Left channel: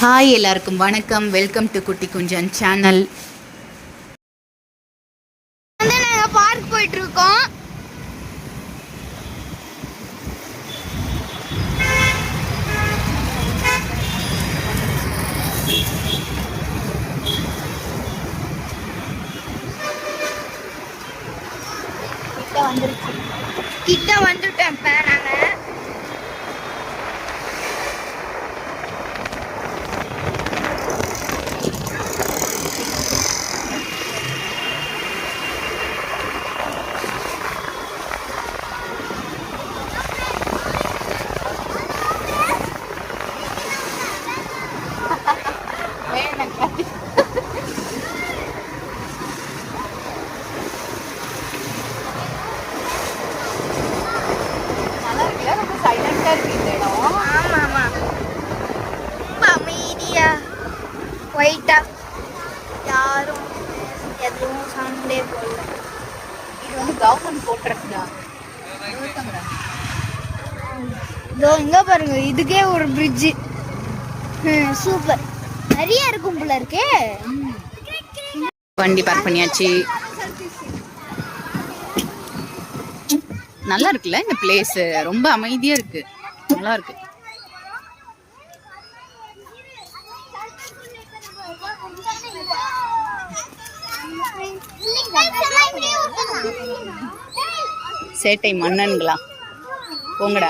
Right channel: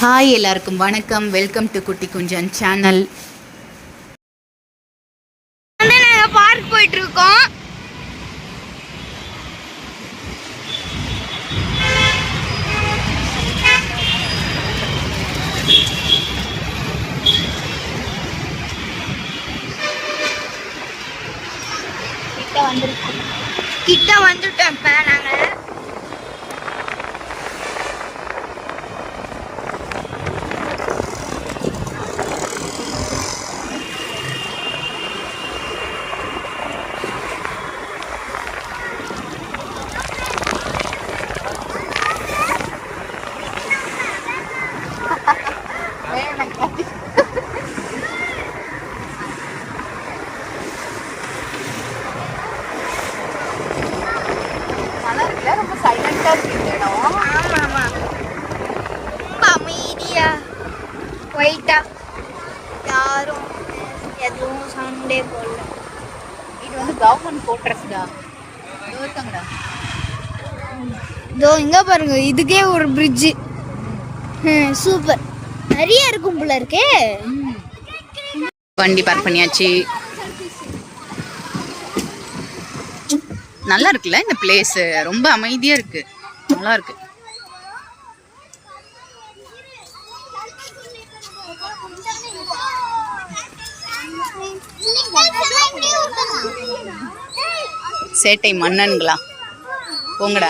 Hi எல்லாருக்கும் வணக்கம். Welcome to குட்டி குஞ்சன் சேனல். நாங்கள் பார்க் போயிட்டு இருக்கோம். கிட்ட வந்துட்டோம் இப்ப நாங்க. ஒயிட்டா யாரும் எதுவும் சண்டே போடல. இது வந்து கவர்மெண்ட் போட்டுறதுங்க. இதோ இங்க பாருங்க, இதுக்கே ஒரு பிரிட்ஜ். சூப்பர், நிறைய இருக்கும் போல இருக்கே. வண்டி பார்க் பண்ணியாச்சு. நல்லா இருக்குல்ல இந்த பிளேஸ், ரொம்ப அமைதியா இருக்கு, நல்லா இருக்கு. சேட்டை மன்னன்களா போங்கடா,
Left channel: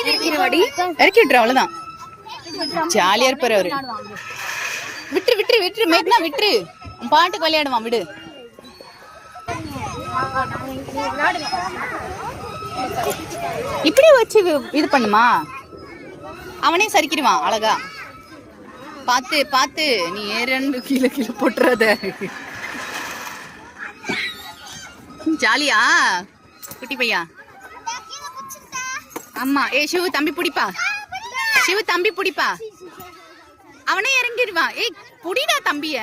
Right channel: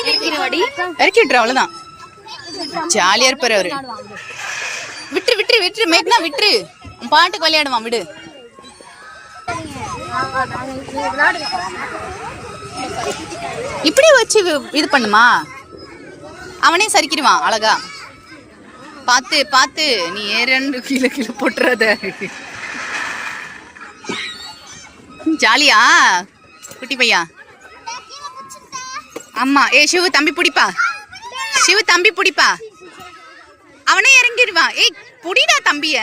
இறக்கி விட்டுரு, அவ்வளவுதான். ஜாலியா இருப்பாரு அவரு. விட்டுரு விட்டுரு விட்டுரு மேக்னா விட்டுரு, பாட்டுக்கு விளையாடுவான், விடு. இப்படி வச்சு இது பண்ணுமா, அவனே சரிக்கிடுவான் அழகா. பார்த்து பார்த்து நீ ஏறன்னு கீழே கீழே போட்டுறத. ஜாலியா குட்டி பையா. ஆமா, ஏ சிவு தம்பி பிடிப்பா, சிவு தம்பி பிடிப்பா, அவனே இறங்கிடுவான். ஏய் புடிடா தம்பிய.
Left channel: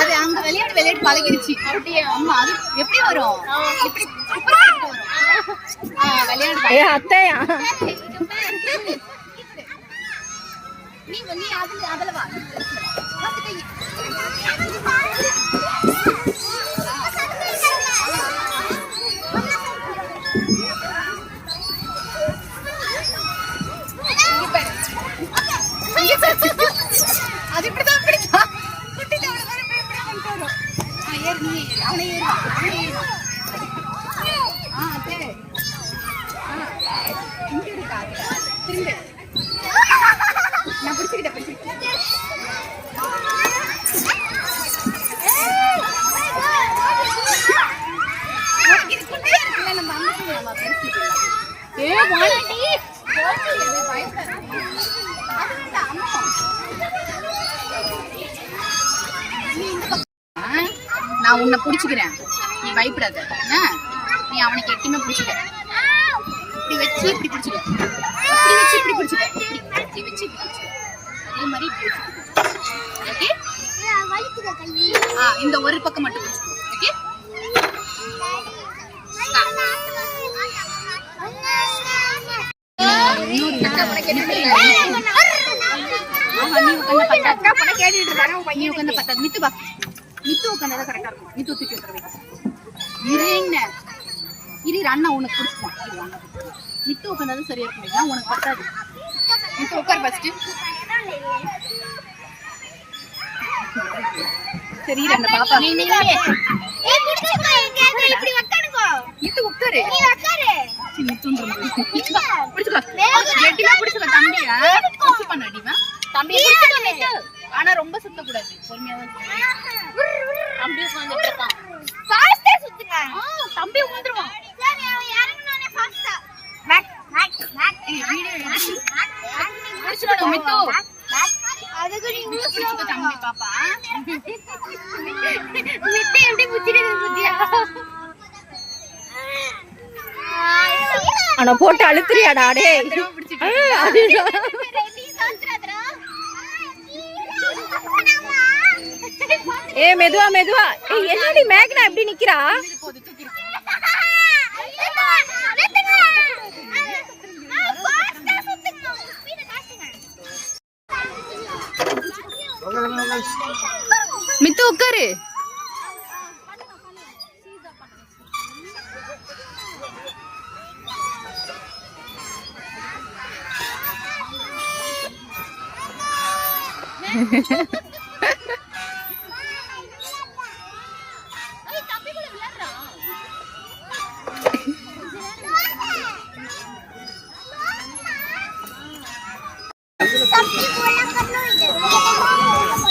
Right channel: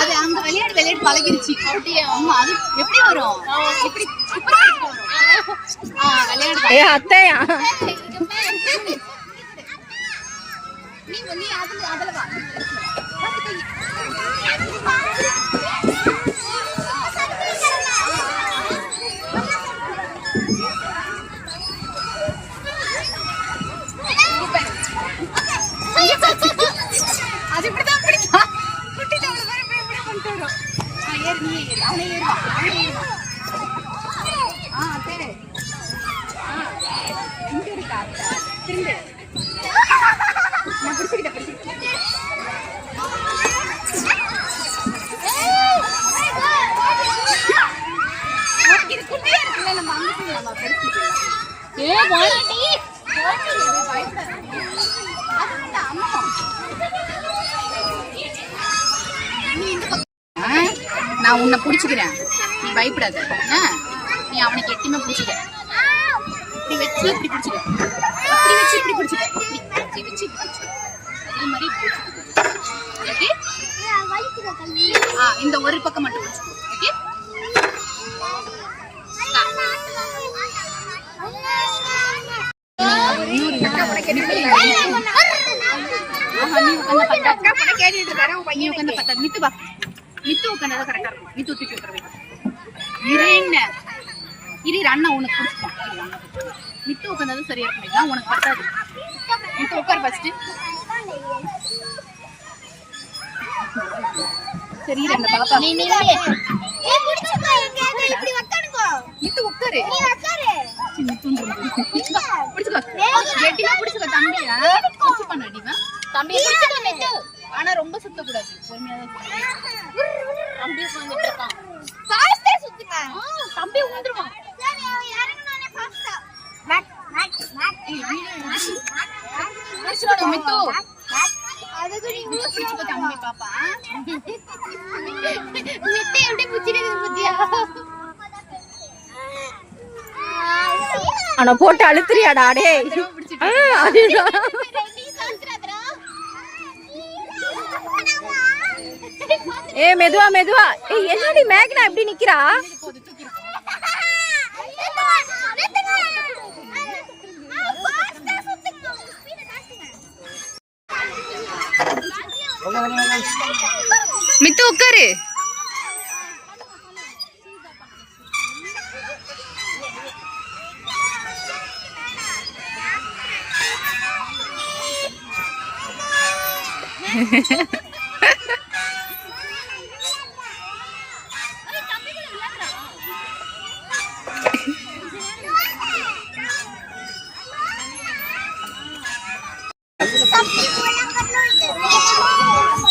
அது அங்க விளையாடு விளையாடு பழகிருச்சு. ஆமா, அது எப்படி வரும், எப்படி விளையாடு அத்தையா. நீ அதுல வா. அது இப்படிதான் பிடிக்கும். அவனை ஏறுவான். இங்க இருக்கா திரும்ப. நான் பிடிச்சுக்கிட்டேன். நான் உன்னை பிடிச்சுக்கிறேன், நீ பயப்படாத. நீ அவனை கெட்டியுமே பிடிச்சிக்க. இப்படி வச்சு இப்படி பிடிச்சிக்க, இப்படி வச்சு இப்படி பிடிச்சிக்க, இப்படி வச்சு இப்படி பிடிச்சிக்க. அதே மாதிரி இப்படி வச்சு. ஓகே, இந்த ஒரு பக்கம் மட்டும் பிடிச்சிக்கோ. ஓகே, நீ உட்காந்து பத்தாது. மித்து பா, மித்து உட்காந்தா கரெக்டா இருக்கும். மித்து தூக்கி விட்டுருவேன். இரு அண்ணா உனக்கு பிடிச்சிக்கலாம். மித்து உட்காந்தாலும் சரியா இருக்கும். இதெல்லாம் உனக்கு பத்தாது. மித்து உட்கார் ஃபர்ஸ்ட். சரி அந்த பாப்பா மித்து உட்காரு. ஆனா ரொம்ப சுத்த கூடாது, பொறுமையா தம்பி உட்கார்ந்துட்டு இருக்கான். தம்பி உட்கார்ந்துருவான். ஆனா போட்டு அழுத்துறியாடா டே. ஏ மெதுவா மெதுவா. ஏய் என்னடி மேக்னா இப்படி நிக்கிறா? மித்து உட்காரு.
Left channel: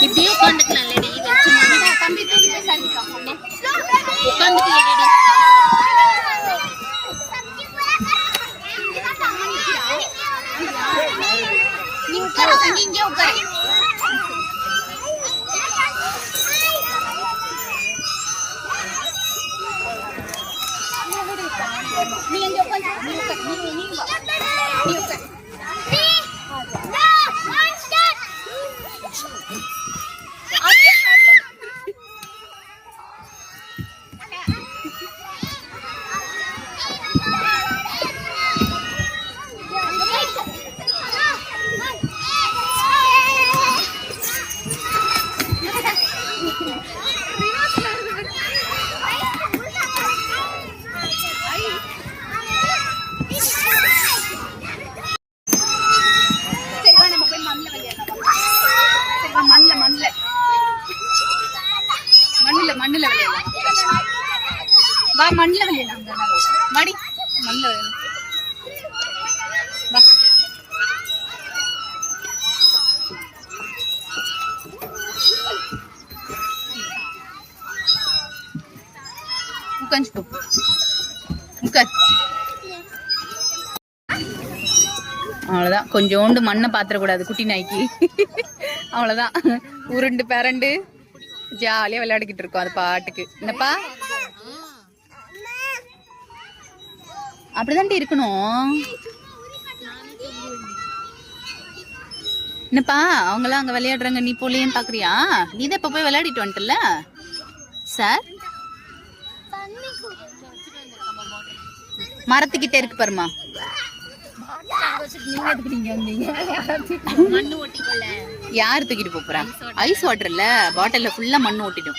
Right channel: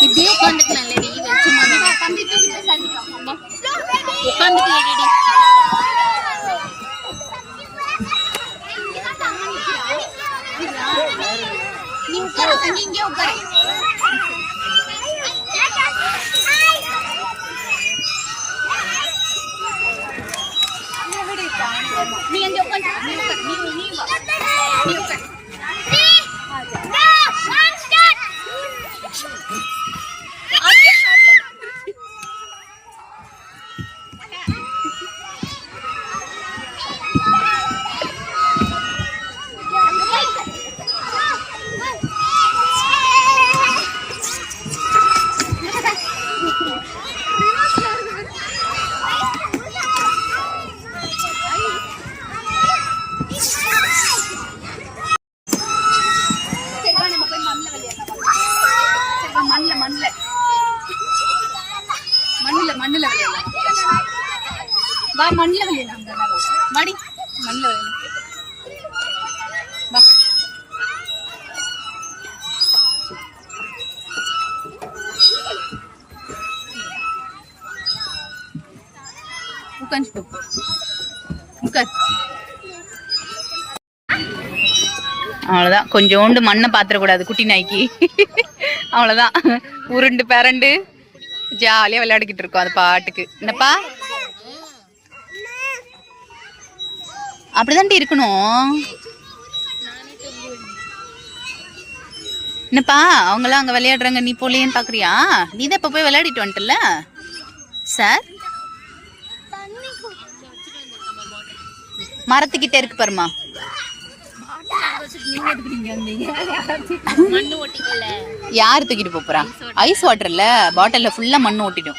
இப்படியே உட்காந்துக்கலாம்லடி. தம்பி தூக்கி போய் சந்திக்கா உட்காந்துக்கலாடி. நீ உட்கார தங்கி, இங்கே உட்காரு. நீ எங்க உட்காந்து, நீ உட்காரு, நீ வா, நீ உட்காரு. மண்ணுல விளையாடலாம். வா மண்ணுல விளையாடலாம். வாடி மண்ணுல விளையாடலாம். வா. உட்காந்துக்கோ. உட்கார். அவ்வளோதான். கொஞ்சோண்டு மண்ணை பாத்திரக்கூடாது குட்டி நாய்க்கு. அவ்வளோதான். உருண்டு பேரண்டு ஜாலியாக விளையாடிக்கிட்டு இருக்கோம் அது பாட்டுக்கு. என்னப்பா அப்படிதான்ட்டு இருக்கணும். என்னப்பா அவங்களாம் அங்கே விளையாடுறாங்க, நீ போலேன்னு பார்க்குறியா? நீ தான் இப்போ போய் விளையாடிட்டு வந்துட்டல சார். மரத்துக்கிட்ட இருக்கு பாருமா. யாரு தூக்கிட்டு போறா? ஐஸ் வாட்டர்ல பாட்டில்ல ஃபுல்லா மண்ணு ஓட்டிடும்.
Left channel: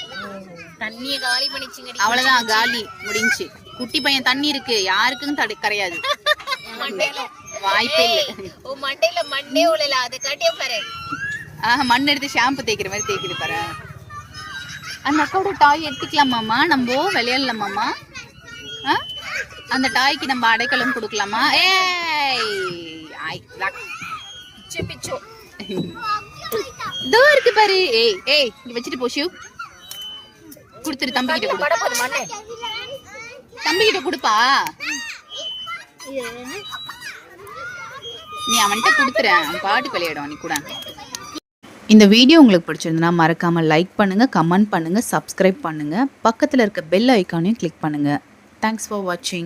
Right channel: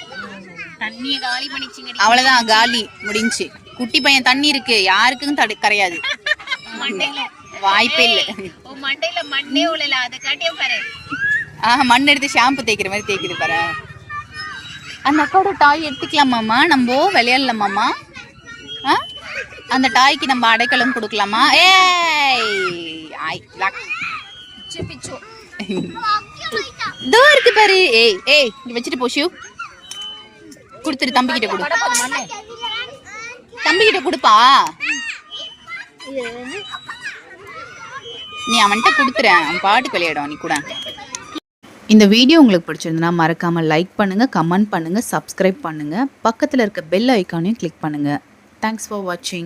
அவ்வளவுதான், காலி முடிஞ்சு. குட்டி பையன் தண்ணி இருக்கு, யாருக்கும் கரையாது. வாய்ப்பே இல்ல. மண் எடுத்து ஷாம்பு தேய்க்கிற மாதிரி தேய்க்குது பாரு. அந்த அக்காவோட டாய் எடுத்துக்கலாமாமா? நம்ம விளையாடலாமாமா? அந்த டாய்க்கு நம்ம அடைக்கலம் கொடுக்கலாமா? இதோ இருக்கு பாரு. ஏய் இங்க வச்சுட்டு போஷு. குடுத்துரு தம்பி கிட்ட கொடு. தம்பி கிட்ட கொடுப்பா. நீ அவன்கிட்ட கொடுத்துறேன், அவன் பாட்டுக்கு விளையாடும். நீ கூட. இந்த வீடியோ உங்களுக்கு பிடிச்சிருந்தனா மறக்காம லைக் பண்ணுங்க, கமெண்ட் பண்ணுங்க, சப்ஸ்கிரைப் பண்ணுங்க. பக்கத்துல இருக்க பெல் ஐகானையும் கிளிக் பண்ணுங்க. Thanks for watching.